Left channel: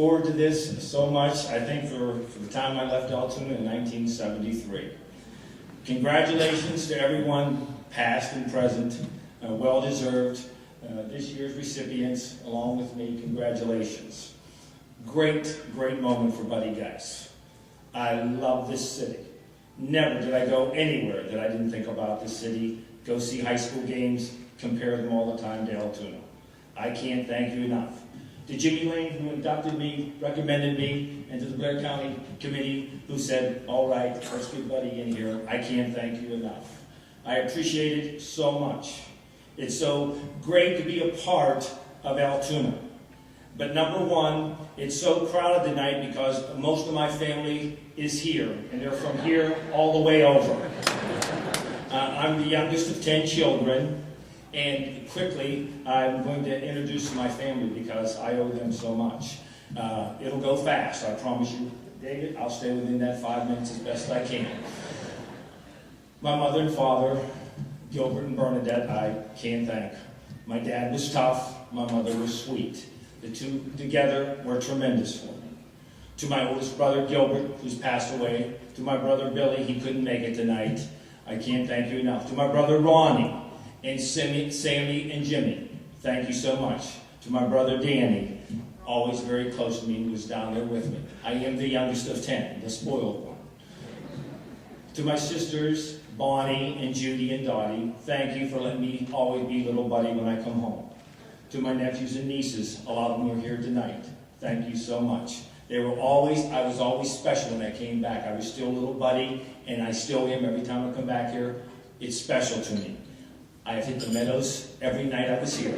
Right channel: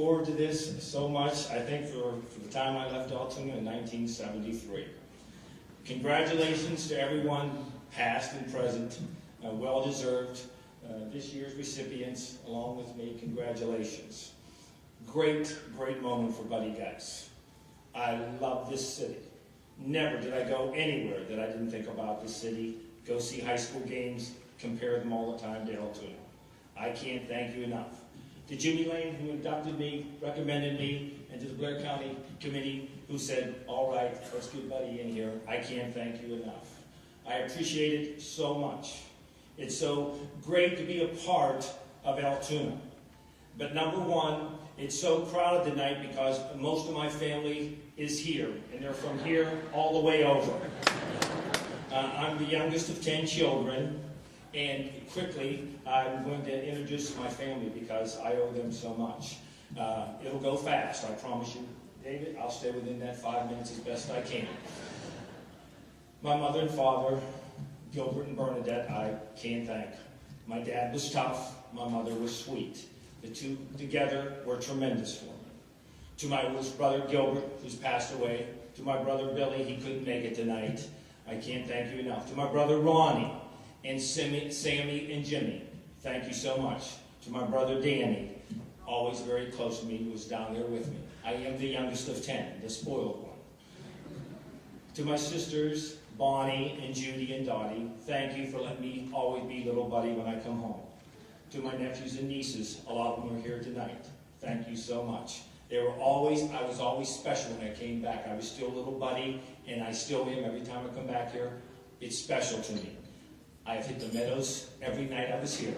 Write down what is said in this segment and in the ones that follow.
forward to this so much, I think, for the time I left Altoona in 1973. Congratulations to everyone, past and present, well-deserved. This year's recipients, along with me, congratulations. Great, great moment for Buddy Geis. I love this city. Never did I go anywhere that I didn't think about this city, go see high school games, compare them all the time to Altoona. I can't thank you enough. To Jimmy Lane, who adopted me, recommended me, and to the Blair County Committee, who said, all right, let's get Buddy in here, I can't thank you enough. I appreciate it so much. It's so great to be a part of Altoona. But number one, it's so crowded tonight because most of my family is here, and they're from here all the way over. I'm the youngest of 10 children, and quickly I'm going to introduce my family because I owe them so much. It'll go fast, I promise you. David, I'll stay within that 5 minutes as best I can. My mother and father, Gilbert and Bernadette, I can't thank. My dad was tough, my mother was sweet. The two together were tremendous for me. To my oldest brother, Gilbert, who's passed away. To my brother, Billy, he couldn't make it tonight. I can't thank you enough. To my brother, Ronnie, and Sammy and Jimmy, thank you so much. To my brother, Danny, always very close to me, who's down there with me. I am the youngest of 10, the spoiled one. To my sisters, Bonnie and Judy and Dottie, thank you for letting me always be little Buddy when I come home. To my nephews and nieces, a lot of them are here tonight. Thank you so much. I was always special when I came back. I was still little Buddy, and I still am every time I come back here. It's special to me. I've hit the Meadows every night I was here.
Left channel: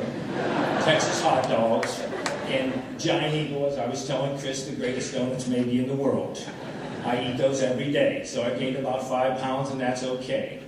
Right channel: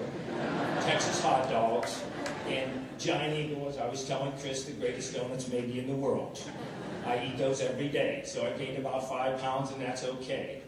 Texas hot dogs, and Giant Eagle, as I was telling Chris, the greatest donuts maybe in the world. I eat those every day, so I gained about 5 pounds, and that's okay.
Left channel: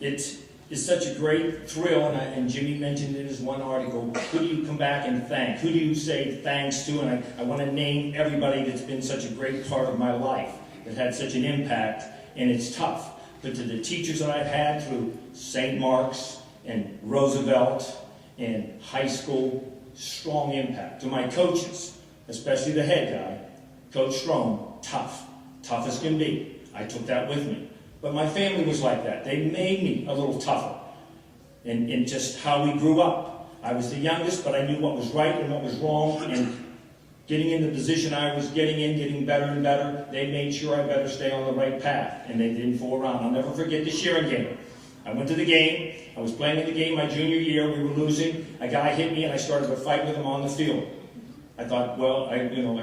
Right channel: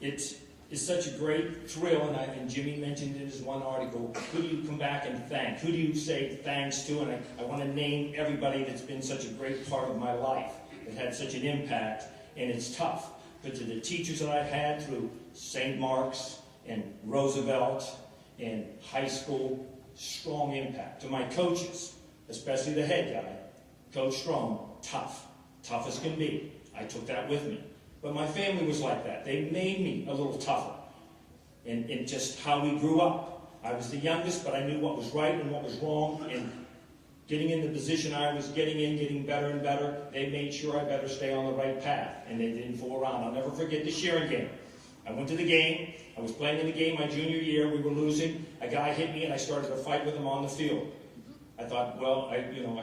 It's such a great thrill, and Jimmy mentioned in his one article, who do you come back and thank? Who do you say thanks to? And I want to name everybody that's been such a great part of my life, that had such an impact, and it's tough. But to the teachers that I've had through St. Mark's and Roosevelt and high school, strong impact. To my coaches, especially the head guy, Coach Strong, tough as can be. I took that with me. But my family was like that. They made me a little tougher in just how we grew up. I was the youngest, but I knew what was right and what was wrong. And getting in the position I was getting in, getting better and better, they made sure I better stay on the right path. And they didn't fool around. I'll never forget the Sheeran game. I went to the game. I was playing in the game my junior year. We were losing. A guy hit me, and I started to fight with him on the field. I thought, well, I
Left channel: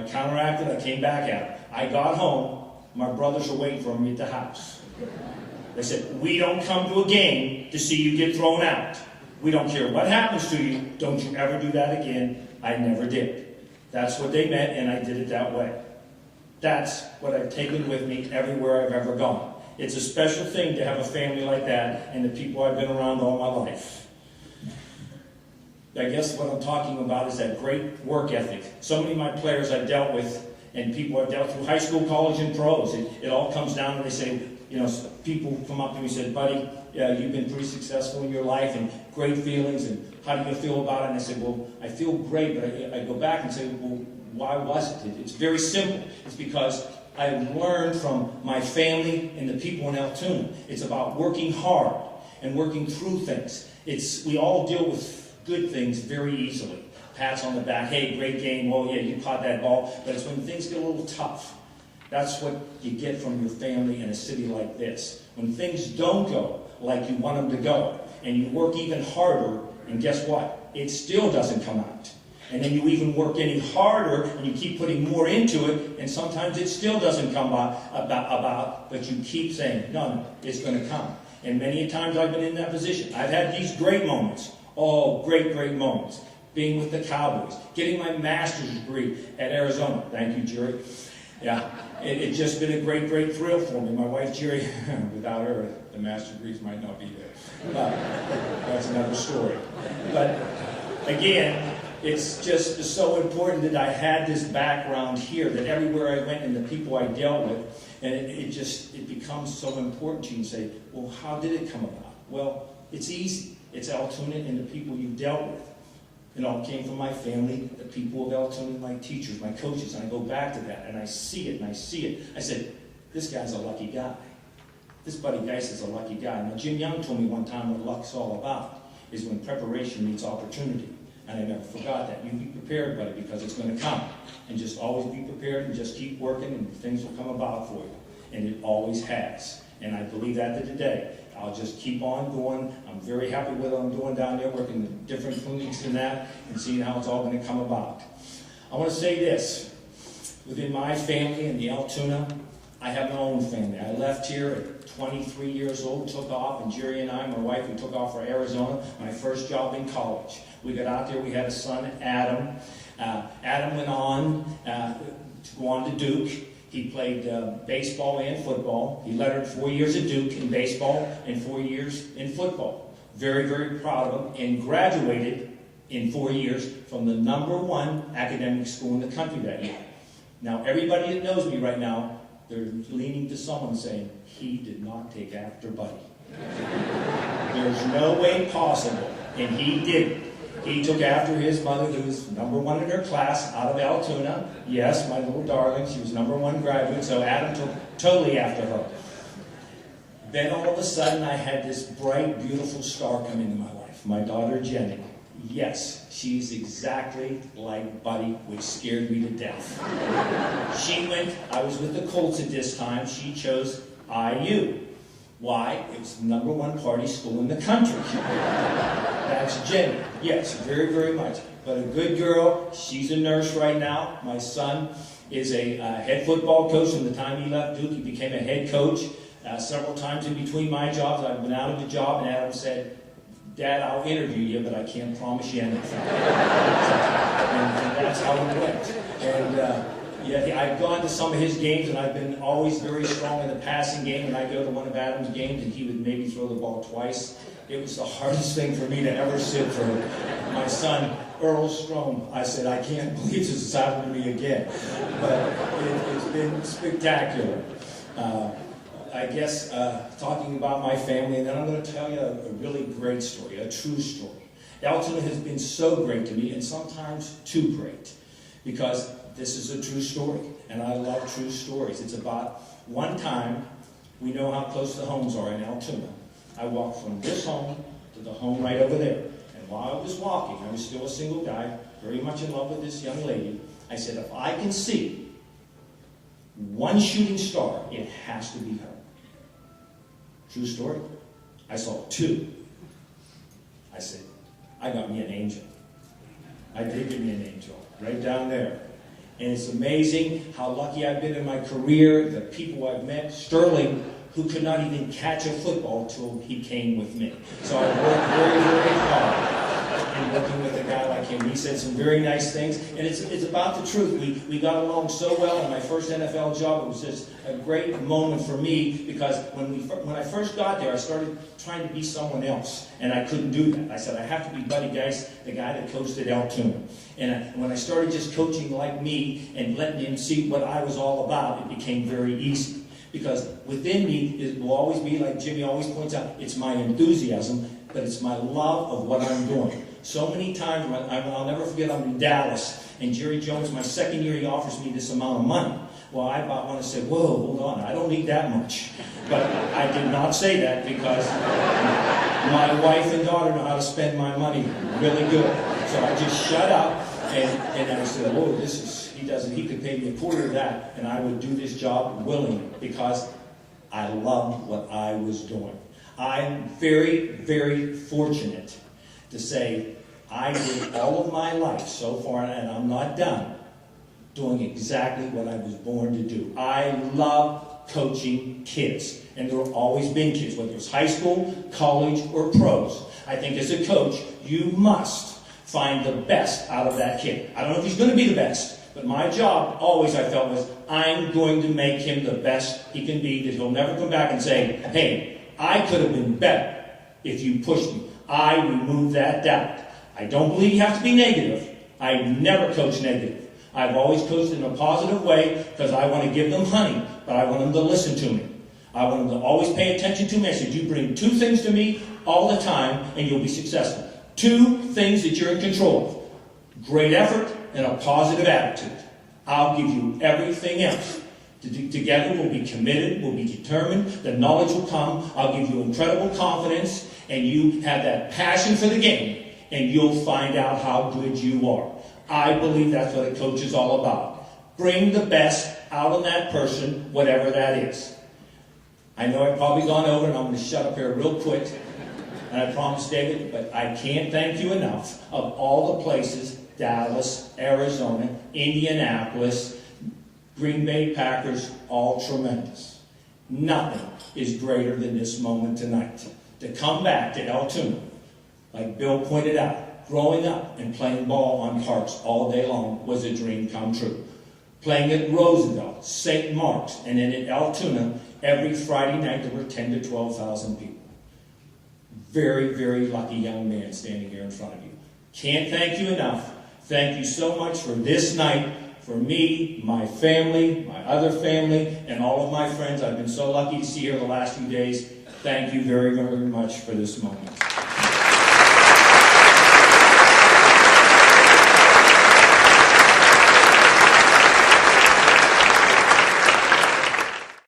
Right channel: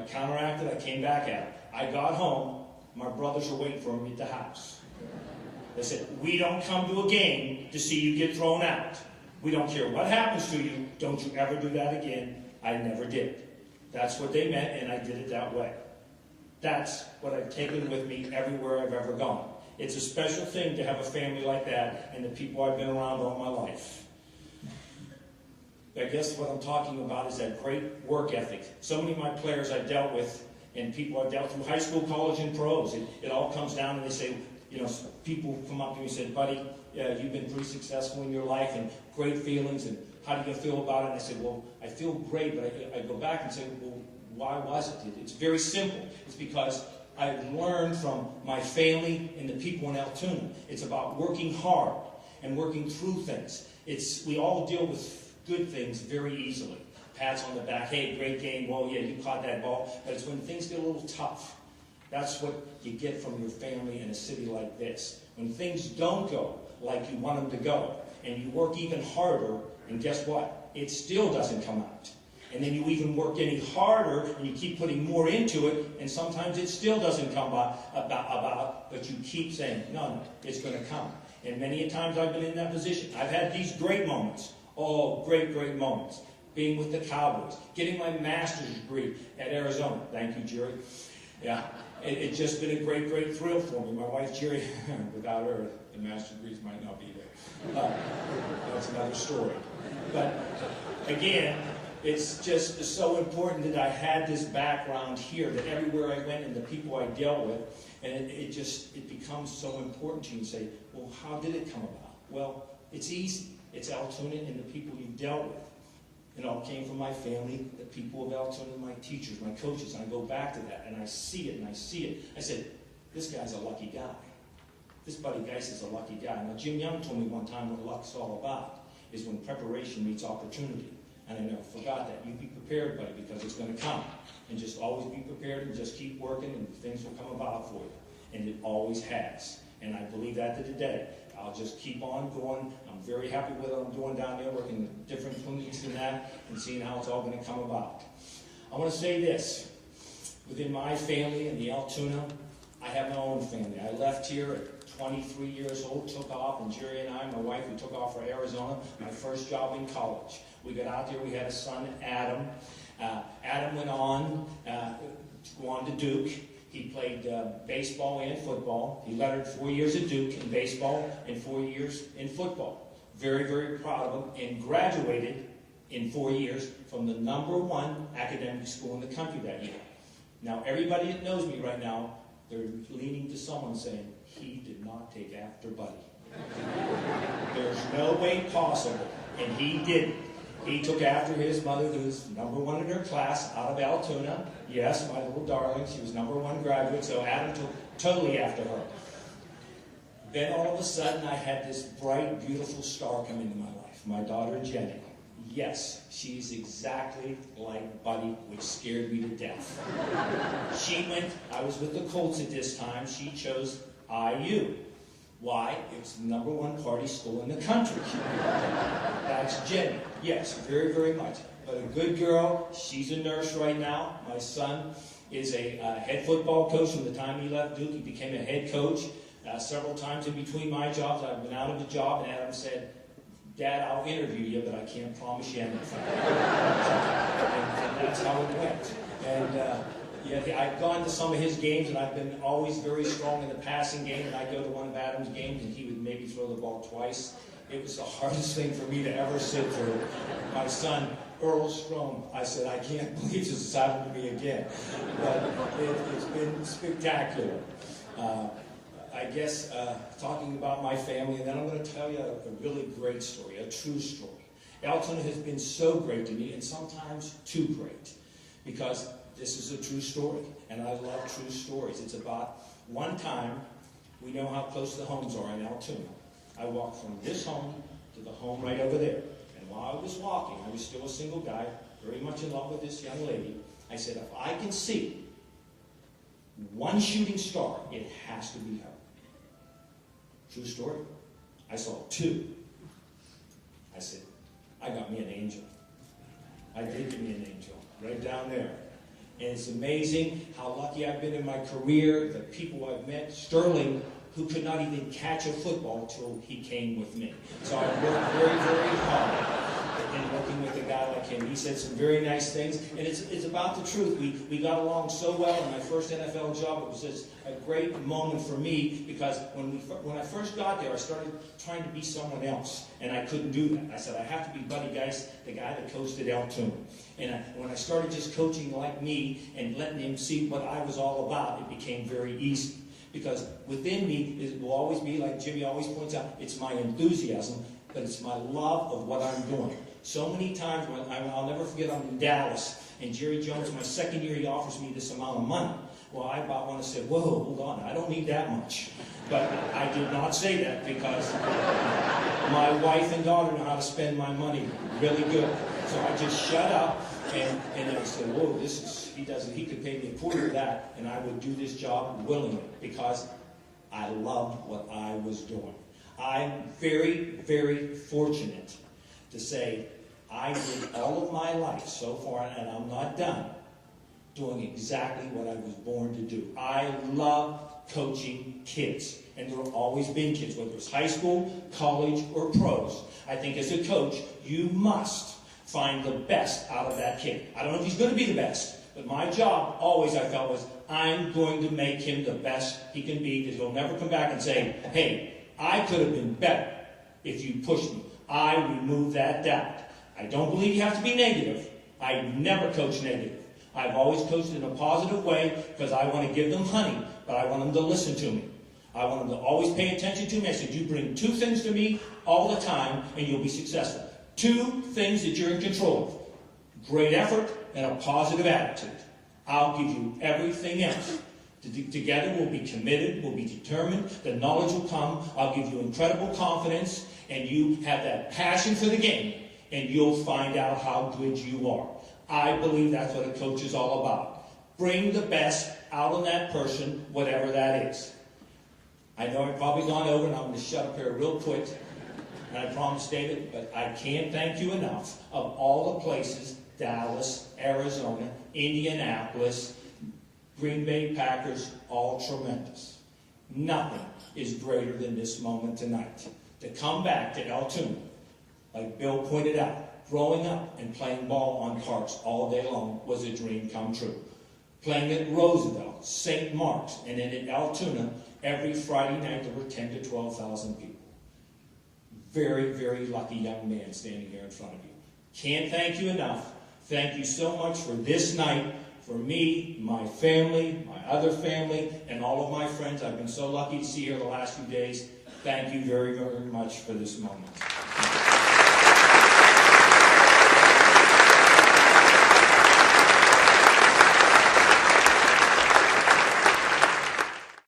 counteracted. I came back at him. I got home. My brothers were waiting for me at the house. They said, we don't come to a game to see you get thrown out. We don't care what happens to you. Don't you ever do that again. I never did. That's what they meant, and I did it that way. That's what I've taken with me everywhere I've ever gone. It's a special thing to have a family like that and the people I've been around all my life. I guess what I'm talking about is that great work ethic. So many of my players I've dealt with and people I've dealt through high school, college, and pros. It all comes down and they say, people come up to me and say, Buddy, you've been pretty successful in your life and great feelings, and how do you feel about it? And I say, well, I feel great, but I go back and say, well, why was it? It's very simple. It's because I learned from my family and the people in Altoona. It's about working hard and working through things. We all deal with good things very easily. Pats on the back, hey, great game, oh yeah, you caught that ball. But it's when things get a little tough. That's what you get from your family in a city like this. When things don't go like you want them to go, and you work even harder, and guess what? It still doesn't come out. And then you even work any harder, and you keep putting more into it, and sometimes it still doesn't come about, but you keep saying, no, it's going to come. And many a times I've been in that position. I've had these great moments. Oh, great, great moments. Being with the Cowboys, getting my master's degree at Arizona. Thank you, Jerry. Yeah, it's just been a great, great thrill for me. My wife, Jerry, without her, the master's degrees might not be there. That's another story. But again, it's just so important that I had this background here, that everywhere I went and the people I dealt with, and it becomes so important to you and say, well, how did it come about? Well, it's easy. It's Altoona and the people you've dealt with. It all came from my family, the people of Altoona, my teachers, my coaches. And I go back to that, and I see it, and I see it. I said, this guy's a lucky guy. This buddy Geis is a lucky guy. Now, Jim Young told me one time what luck's all about is when preparation meets opportunity. And I never forgot that. You be prepared, buddy, because it's going to come. And just always be prepared and just keep working, and things will come about for you. And it always has. And I believe that to today. I'll just keep on going. I'm very happy with what I'm doing down there, working in different clinics and that, and seeing how it's all going to come about. I want to say this. Within my family in the Altoona, I have my own family. I left here at 23 years old, took off, and Jerry and I, my wife, we took off for Arizona, my first job in college. We got out there, we had a son, Adam. Adam went on to go on to Duke. He played baseball and football. He lettered 4 years at Duke in baseball and 4 years in football. Very, very proud of him, and graduated in 4 years from the #1 academic school in the country that year. Now, everybody that knows me right now, they're leaning to someone saying, he did not take after Buddy. There's no way possible, and he didn't. He took after his mother, who was #1 in her class out of Altoona. Yes, my little darling, she was #1 graduate, so Adam took totally after her. Then all of a sudden, I had this bright, beautiful star come into my life, my daughter Jenny. Yes, she's exactly like Buddy, which scared me to death. I was with the Colts at this time, she chose IU. Why? It's the #1 party school in the country. That's Jenny. Yes, very, very much. But a good girl. She's a nurse right now. My son is a head football coach. From the time he left Duke, he became a head coach. Several times in between my jobs, I've been out of the job, and Adam said, Dad, I'll interview you, but I can't promise you anything. And that's how it went. And yeah, I've gone to some of his games, and I've been always very strong in the passing game, and I'd go to one of Adam's games, and he would maybe throw the ball twice. It was the hardest thing for me to ever sit for my son, Earl Strom. I said, I can't believe this has happened to me again. But it's been spectacular. I guess talking about my family, and then I'm going to tell you a really great story, a true story. Altoona has been so great to me, and sometimes too great, because this is a true story, and I love true stories. It's about one time, we know how close the homes are in Altoona. I walked from this home to the home right over there. And while I was walking, I was still a single guy, very much in love with this young lady. I said, if I can see one shooting star, it has to be her. True story. I saw 2. I said, I got me an angel. I did get me an angel, right down there. And it's amazing how lucky I've been in my career, the people I've met. Sterling, who could not even catch a football till he came with me. So I worked very, very hard in working with a guy like him. He said some very nice things, and it's about the truth. We got along so well in my first NFL job. It was just a great moment for me, because when I first got there, I started trying to be someone else, and I couldn't do that. I said, I have to be Buddy Geis, the guy that coached at Altoona. And when I started just coaching like me and letting him see what I was all about, it became very easy. Because within me, it will always be, like Jimmy always points out, it's my enthusiasm, but it's my love of what I'm doing. So many times, I'll never forget, I'm in Dallas, and Jerry Jones, my second year, he offers me this amount of money. Well, I about want to say, whoa, hold on, I don't need that much. But I did not say that, because my wife and daughter know how to spend my money really good. So I just shut up, and I said, whoa, he could pay me a quarter of that, and I would do this job willingly, because I loved what I was doing. I'm very, very fortunate to say I did all of my life so far, and I'm not done, doing exactly what I was born to do. I love coaching kids, and there have always been kids, whether it's high school, college, or pros. I think as a coach, you must find the best out of that kid. I don't know if he's going to be the best, but my job always, I felt, was I'm going to make him the best he can be, that he'll never come back and say, hey, I could have been better if you pushed me. I remove that doubt. I don't believe you have to be negative. I never coach negative. I've always coached in a positive way, because I want to give them honey, but I want them to listen to me. I want them to always pay attention to me. I said, you bring 2 things to me all the time, and you'll be successful. 2 things that you're in control great effort, and a positive attitude. I'll give you everything else. Together we'll be committed, we'll be determined, the knowledge will come, I'll give you incredible confidence, and you have that passion for the game, and you'll find out how good you are. I believe that's what a coach is all about. Bring the best out of that person, whatever that is. I know I've probably gone over, and I'm going to shut up here real quick, and I promise, David, but I can't thank you enough of all the places, Dallas, Arizona, Indianapolis, Green Bay Packers, all tremendous. Nothing is greater than this moment tonight. To come back to Altoona, like Bill pointed out, growing up and playing ball on parks all day long was a dream come true. Playing at Roosevelt, St. Mark's, and then at Altoona, every Friday night there were 10 to 12,000 people. Very, very lucky young man standing here in front of you. Can't thank you enough. Thank you so much for this night. For me, my family, my other family, and all of my friends I've been so lucky to see here the last few days, thank you very, very much for this moment.